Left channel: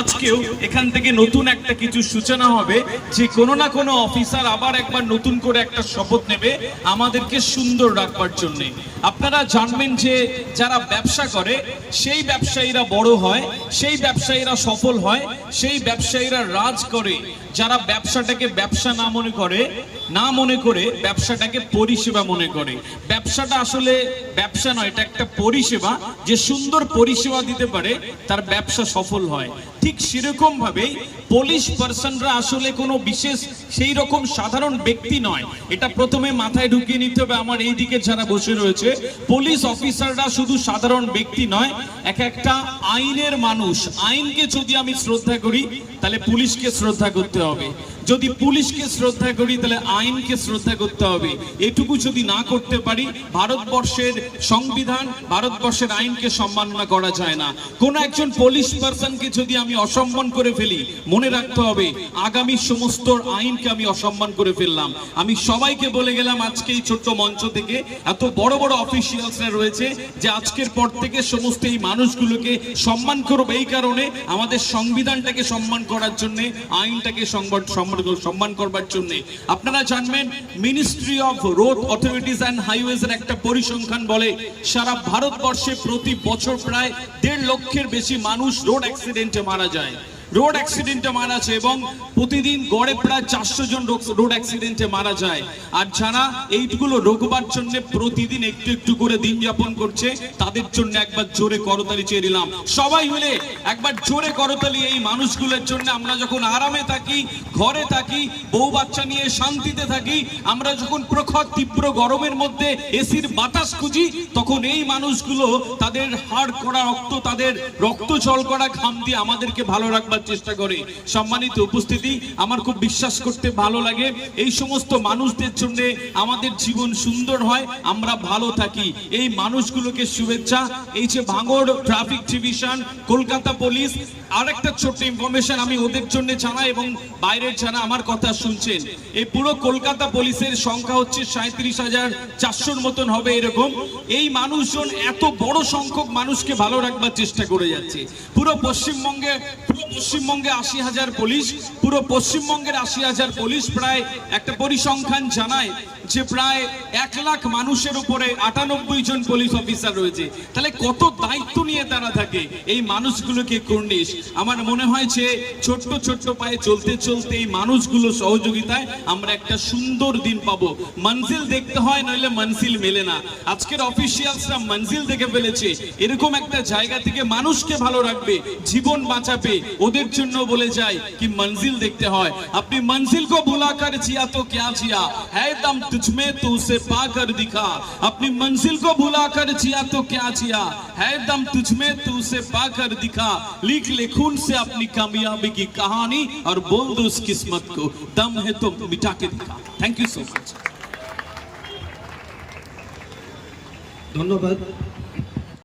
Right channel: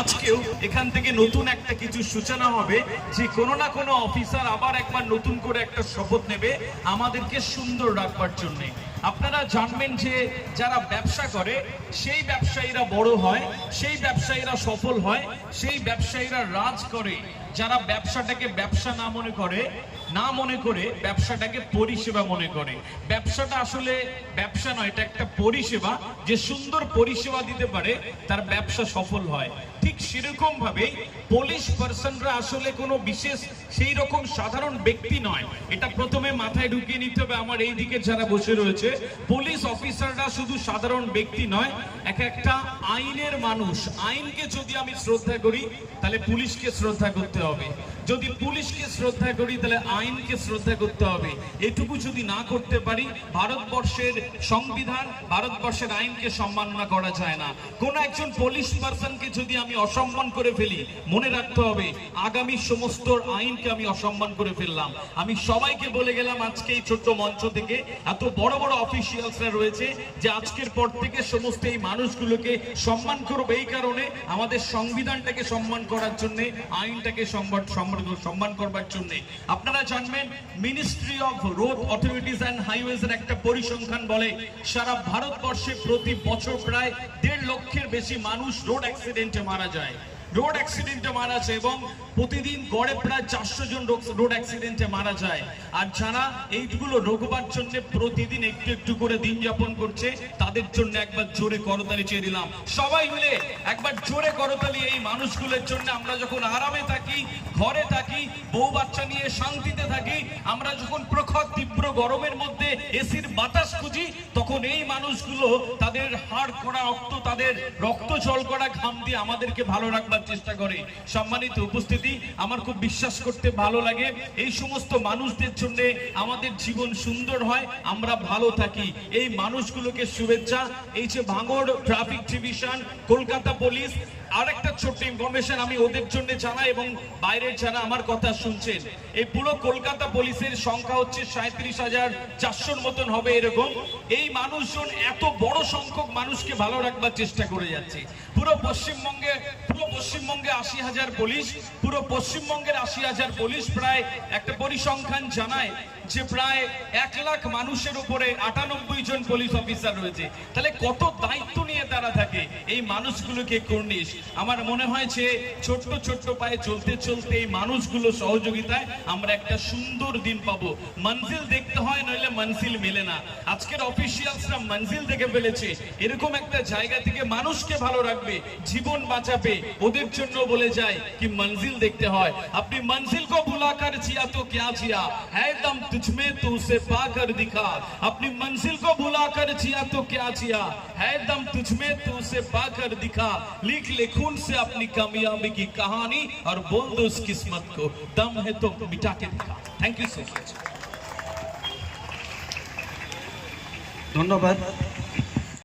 আজকেও এখান থেকে নতুন একটা কিছু সূচনা হবে। যে কোনো না কোনো অফিসার আবার একবার নতুন করে একটা শপথ নেবে আমাদেরকে সুন্দর রাখবার জন্য। আপনারা জানবেন যে যারা ব্যবসা করে, সেই ব্যবসায়ীরা বড় হয়, সেই ব্যবসায়ীরা সফল হয়, সেই ব্যবসায়ীরা রাজ করে। যারা ব্যবসাটাকে ব্যবসা না মনে করে, না মনে করে, ব্যবসাটাকে পরিষেবা মনে করে। ব্যবসাটা আসলে ব্যবসা নয়, এটা একটা পরিষেবা। যে সুন্দর পরিষেবা দিতে পারে, তার ব্যবসা সফল হয়। ঠিক সেরকম ভাবেই পুলিশ পার্সনরা আসলে কোনো বিশেষ সেই রকম সাধারণ ব্যক্তি নয়। এটা প্রথমে মাথায় ঢুকিয়ে নিতে হবে, আমার এই দিকে যারা বসে রয়েছে। পুলিশ অফিসাররা শুধু সাধারণ ব্যক্তি নয়, এক একটা আইনের মানুষ। আইনকে যদি আমি শ্রদ্ধা করি, তাহলে পুলিশকে শ্রদ্ধা করতে হবে। যদি পুলিশকে শ্রদ্ধা করি, তাহলে আইনকে শ্রদ্ধা করতে হবে। এটুকু যদি না করতে পারি, ভারতবর্ষের সংবিধান, ভারতবর্ষের আইনকে সম্মাননা করা যায় না। কোন একজন পুলিশ পার্সনকে যদি আমি অসম্মান করে ফেলি, মনে রাখতে হবে, আগামী সমস্ত আইনকে আমি অসম্মান করে ফেললাম। আমি সবাইকে বলে গেলাম আজকে এই ছোট্ট মঞ্চ থেকে, এত বড় বড় অফিসিয়ালসরা রয়েছে যে আজকের পর থেকে সমস্ত এই মানুষগুলোকে সম্মান করবে। এই কারণে আমাদের সংবিধানটাকে সম্মান করার জন্য, আইনটাকে সম্মান করবার জন্য। আপনারা জানবেন ministry of road authorities and highways এর একটা পরিসংখ্যান বলে, সারা ভারতবর্ষে প্রতি বছর প্রায় দেড় লক্ষের বেশি মানুষ রোড অ্যাক্সিডেন্টে মারা যায়। রোড অ্যাক্সিডেন্টে মারা যায় এবং প্রতিদিন গড়ে প্রায় চারশো জন রোড অ্যাক্সিডেন্টে মারা যায়। আর যারা এইগুলো রোগবার জন্য প্রতিদিন একটু একটু করে দিন যাপন করছে, তাদের জন্য একবার জোরে করতালি চেয়ে দিলাম সবাই মিলে একবার জোরে করতালি এই মানুষগুলোর জন্য। আমরা যখন আরামে থাকি, ঘরে থাকি, বউ বাচ্চা নিয়ে শান্তিতে থাকি, আমরা যখন প্রখর তীব্র গরমের মধ্যে এসির বাতাস খুঁজি, তখন এই মানুষগুলো তাদের হাড় করা রক্ত, তাদের রক্ত জল করা ঘাম দিয়ে আমাদেরকে ভালো রাখবার চেষ্টা করে। সম্মানিত উপস্থিতি, আমার খুব বিশ্বাস করতে ভালো লাগে। এই সমস্ত মানুষদের জন্য আমাদের জীবন সুন্দর হয়, আমরা ভালো থাকি। এই মানুষগুলোকে শুভেচ্ছা। এই যে ভাঙড় ট্রাফিক ডিভিশন, কলকাতা পুলিশ আরেকটা ছোট্ট ইনফরমেশন আমি ওদের জন্য জানাই এবং বাইরের যারা আমার কথা শুনছেন, এই পুরো কলকাতা পুলিশের সংখ্যা হচ্ছে সাঁত্রিশ হাজার চারশোর মতন হবে এরকম। এই মানুষজন এত বড় সংখ্যক মানুষকে ভালো রাখবার চেষ্টা করে যাচ্ছে। পুরো পশ্চিমবঙ্গে পুরো পশ্চিমবঙ্গে আশি হাজার পুলিশ, পুরো পশ্চিমবঙ্গের আশি হাজার পুলিশ প্রায় একটা পরিসংখ্যান জানায় যে প্রায় এক লাখ মানুষের উপরে আটানব্বই জন পুলিশ অফিসার রয়েছে। তাহলে কত দায়িত্ব নিয়ে তারা থাকে? এই মানুষগুলোকে কর্নিশ আমার মনে হয়েছে ছোট্ট ছোট্ট পায়ে চলতে চলতে এই মানুষগুলো সহযোগিতায় আমরা একটা সুন্দর দিন পাব। মঞ্জিল দেখতে হয়, নাহলে মঞ্জিল মেলে না। আজকের অফিসিয়ালসরা মঞ্জিল দেখে ফেলেছে। এরকম একটা জায়গা থেকে মানুষকে ভালো রাখবে, জীবন বাঁচাবে। ওদের জন্য বলে যায় কি, মঞ্জিল দেখতে হয়। আপনি মঞ্জিল কো ভুলা কর জিয়া তো কে জিয়া? হ্যায় দম তুঝমে তু সে কর দিখা। আপনি মঞ্জিল কো ভুলা কর জিয়া তো কে জিয়া? হ্যায় দম তুঝমে তু সে কর দিখা। লিখ লে खून से अपनी कामयाबी की कहानी और बोल दो उस किस्मत को। दम है तो मिटा के दिखा। थैंक यू सो मच धन्यवाद।